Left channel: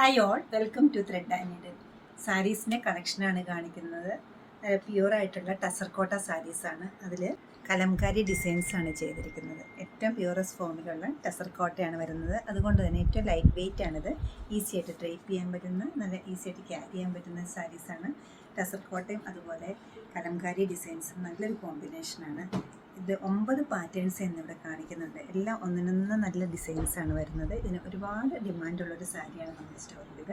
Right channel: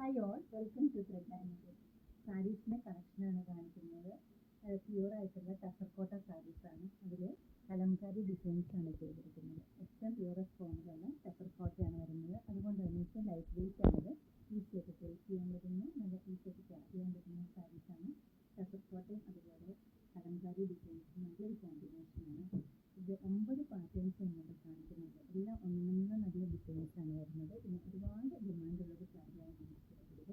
Hi all, welcome to thread and needle. സാരീസിൻ്റെ കളക്ഷനാണ് കാണിക്കുന്നത്. പ്യുവർ ആയിട്ടുള്ള ടസർകോട്ട സാരീസാണ്. അതിൽ കലംകാരി ഡിസൈൻസാണ് ചെയ്തിരിക്കുന്നത്. ഏറ്റവും പ്യുവറസ്റ്റ് ഫോമിലുള്ള ടസർകോട്ടയാണ് വരുന്നത്. അതുകൊണ്ട് തന്നെ ഏറ്റവും ലൈറ്റ് വെയ്റ്റ് ആണിത്. ഈസി ആയിട്ട് ഡ്രൈപ്പ് ചെയ്യാൻ പറ്റുന്ന, നല്ല ഈസി ആയിട്ട് ക്യാരി ചെയ്യാൻ പറ്റുന്ന സാരീസാണ്. ടസർകോട്ടയും അതുപോലെ കലംകാരി ഡിസൈൻസും നല്ലൊരു കോമ്പിനേഷനാണ്. ഇത് 9 പാറ്റേൺസ് എന്നിവിടെ കാണിക്കുന്നുണ്ട്. എല്ലാം ഒന്നിനൊന്ന് നല്ല ഡിസൈൻസാണ് വരുന്നത്. ഇതിന് ഒരുപാട് ഡിമാൻഡുള്ളൊരു സാരിയാണ് നമ്മുടെ സ്റ്റോറിൽ.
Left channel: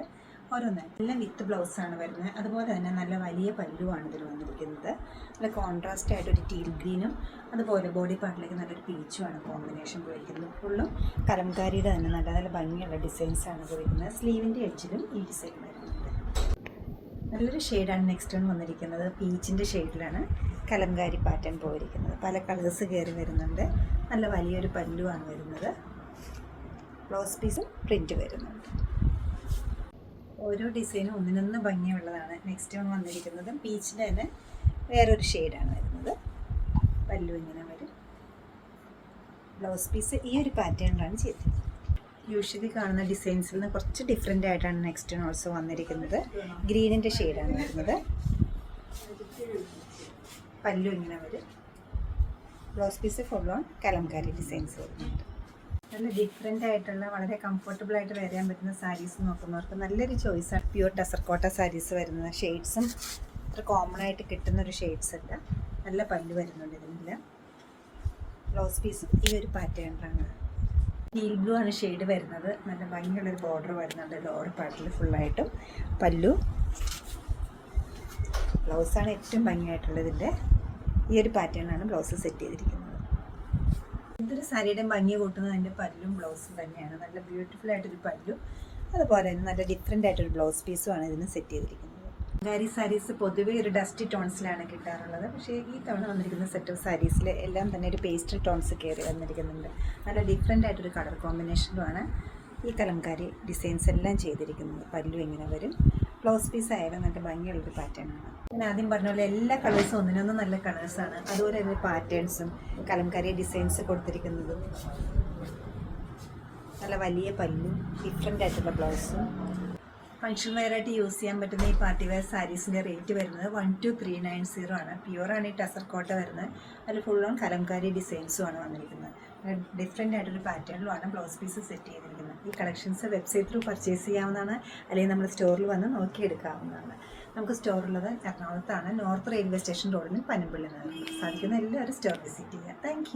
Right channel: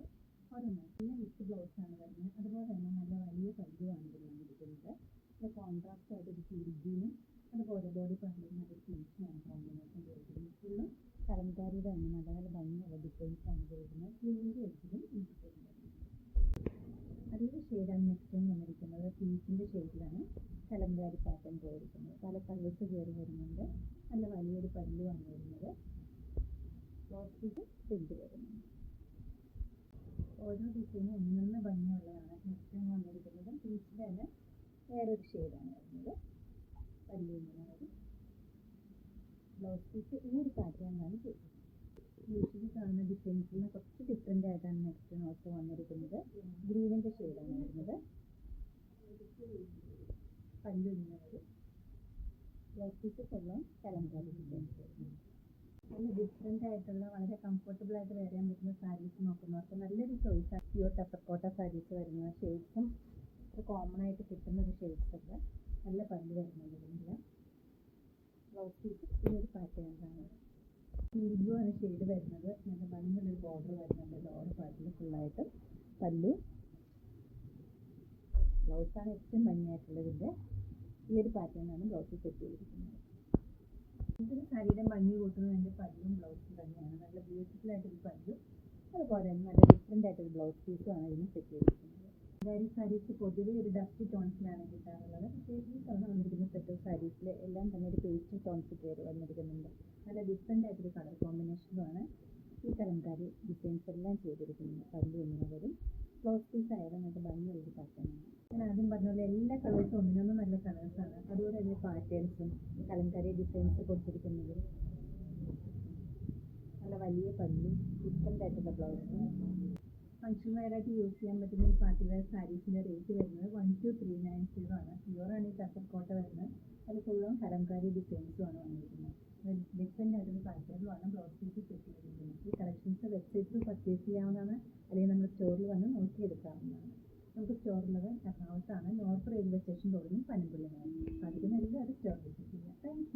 ഓരോന്നായി എല്ലാം വിത്ത് ബ്ലൗസാണ് വരുന്നത്. അതുപോലെ തന്നെ നല്ല വലിയ പല്ലുവാണ് ഇതിൽ വന്നിരിക്കുന്നത്. നല്ല കോൺട്രാസ്റ്റ് ആയിട്ടൊരു ടീൽ ഗ്രീനും അതുപോലെ ബോഡി പാർട്ടിലേക്ക് നല്ലൊരു പീച്ചുമാണ് കോമ്പിനേഷൻ പോയിരിക്കുന്നത്. ഫുള്ളും കലംകാരിയുടെ തന്നെ നല്ല നല്ല ഭംഗിയുള്ള ഡിസൈൻസാണ് പോയിരിക്കുന്നത്. സ്ലീവിൻ്റെ എഡ്ജിലും ഈ ഡിസൈൻ വരുന്നുണ്ട്. നല്ലൊരു ഷെയ്ഡാണ് നെക്സ്റ്റ് വന്നിരിക്കുന്നത്. പീച്ചിൻ്റെ ഷെയ്ഡിലാണ് കലംകാരി പാറ്റേൺ പോയിരിക്കുന്നത്. പല കളേഴ്സ് കയറി വരുന്നുണ്ട്. നല്ല വലിയൊരു പല്ലുവാണ് വരുന്നത്. ബ്ലൗസ് പീസും പ്രിൻറ്റ് വരുന്നുണ്ട്. ഓരോ ഡിസൈനും ഒന്നിനൊന്ന് ഭംഗിയുള്ളതാണ്. നെക്സ്റ്റ് വന്നിരിക്കുന്നത് പീച്ചിൻ്റെ തന്നെ വേറൊരു ഷെയ്ഡാണ് വരുന്നത്. പല്ലു ഇങ്ങനെ വരും. ബ്ലൗസ് പീസ് ഈ ഒരു പാറ്റേണിലാണ് ചെയ്തത്. യൂഷ്വലി കാണുന്ന ഡിസൈൻസിൽ നിന്ന് കുറച്ച് ഡിഫറെൻ്റ് ആയിട്ടാണ് നെക്സ്റ്റ് ഓൾസോ വന്നിരിക്കുന്നത്. ഗ്രീനിൻ്റെ ഷെയ്ഡാണ് വരുന്നത്. പല്ലു ഇങ്ങനെ വരും. Blouse piece full on kalamkari designs വരുന്നുണ്ട്. നല്ല ഡിഫറെൻ്റ് ആയിട്ടുള്ള വളരെ കംഫർട്ടബിൾ ആയിട്ട് വെയർ ചെയ്യാൻ പറ്റുന്ന സാരീസ് നോക്കുന്നവർക്ക് നല്ലൊരു ചോയ്സാണ് പ്യുവർ ടസർകോട്ട സാരീസ് വരുന്നത്. ഷെയ്ഡ്സും അത്ര കോമൺ ആയിട്ട് കിട്ടുന്നൊരു ഷെയ്ഡ്സ് അല്ല. നല്ല പല്ലു വരുന്നുണ്ട് ഇതിനെല്ലാം. ബ്ലൗസ് പീസും ഈ ഒരു പാറ്റേണിലാണ്. ടീൽ ബ്ലൂ ആണ് ഷെയ്ഡ് വരുന്നത്. നല്ല ഭംഗിയുള്ളൊരു ബോർഡർ വരുന്നുണ്ട് ലോവർ പാർട്ടിൽ ഫുള്ളായിട്ടും. പല്ലു ബ്ലൗസാണ് ഏറ്റവും ഭംഗിയായിട്ടുള്ളത്. ഇതിൻ്റെ ഈ ഒരു പാറ്റേണിലാണ് ബ്ലൗസ് സെറ്റ് ചെയ്തിരിക്കുന്നത്. ഇതൊരു സാരിയുടെ ഭംഗി കൂട്ടുന്നത് അതിൻ്റെ പല്ലും ബ്ലൗസും തന്നെയാണ്. നല്ല ബ്യൂട്ടിഫുൾ ആയിട്ടൊരു പല്ലും അതുപോലെ തന്നെ നല്ല ഡിഫറെൻ്റ് ആയിട്ടൊരു ബ്ലൗസ് പീസുമാണ് ഇതിന് സെറ്റ് ചെയ്തിരിക്കുന്നത്. കലംകാരി സാരീസ് പൊതുവേ ഒരു ഡസ്റ്റി ടോൺസിലാണ് കിട്ടാറുള്ളത്. പക്ഷേ ഈ തവണ വന്നിരിക്കുന്ന സെറ്റ് ഓഫ് സാരീസിൽ എല്ലാം തന്നെ ഒരു പേസ്റ്റൽ ടോൺസ് കയറി വന്നിരിക്കുന്നുണ്ട്. നല്ല ഡിഫറെൻ്റ് ആയിട്ടൊരു കളർ കോമ്പിനേഷനുമാണ് ഈ കലംകാരി ഡിസൈൻസ് എല്ലാം ചെയ്തിരിക്കുന്നത്. പല്ലു ഇങ്ങനെ വരും. ബ്ലൗസ് പീസ് ആയാലും നല്ല ഭംഗിയുള്ളൊരു പാറ്റേണാണ്. ഞാൻ ആദ്യം പറഞ്ഞ പോലെ എല്ലാ കളേഴ്സും ഒന്നിനൊന്നും നല്ല കളേഴ്സാണ്. അതുപോലെ തന്നെ പാറ്റേൺസും കലംകാരി ഡിസൈൻസ് കൊടുത്തിരിക്കുന്നതും നല്ല വലിയ പല്ലും ഡിഫറെൻ്റ് ആയിട്ടുള്ള ബ്ലൗസും. ഫങ്ഷൻ വെയറായിട്ട് യൂസ് ചെയ്യാൻ പറ്റുന്ന ഈ പാർട്ടി വെയർ സാരീസിൻ്റെ റേറ്റ് വരുന്നത് 12390 ആണ്. പ്യുവറാണ് ഈ ടസർകോട്ട വരുന്നത്. അതിൽ ഫുൾ ഓൺ കലംകാരി ഡിസൈൻസുമാണ് വന്നിരിക്കുന്നത്. ഡിഫറെൻ്റ് ആയിട്ടൊരു പാറ്റേണിലുമാണ് ബ്ലൗസ് പീസ് സെറ്റ് ചെയ്തിരിക്കുന്നത്. ഈ കളക്ഷൻസ് വെബ്സൈറ്റ് ത്രൂ പർച്ചേസ് ചെയ്യാവുന്നതാണ്, അല്ലെങ്കിൽ നമ്മൾ സ്റ്റോറിൽ വന്ന് നോക്കിയെടുക്കാവുന്നതാണ്. നമുക്ക് സ്റ്റോറുള്ളത് എറണാകുളത്താണ്. നോർത്ത് റെയിൽവേ സ്റ്റേഷൻ റോഡിലും പനമ്പള്ളി സാധിക്കുന്ന എല്ലാവരും സ്റ്റോർ വിസിറ്റ് ചെയ്യുക. താങ്ക്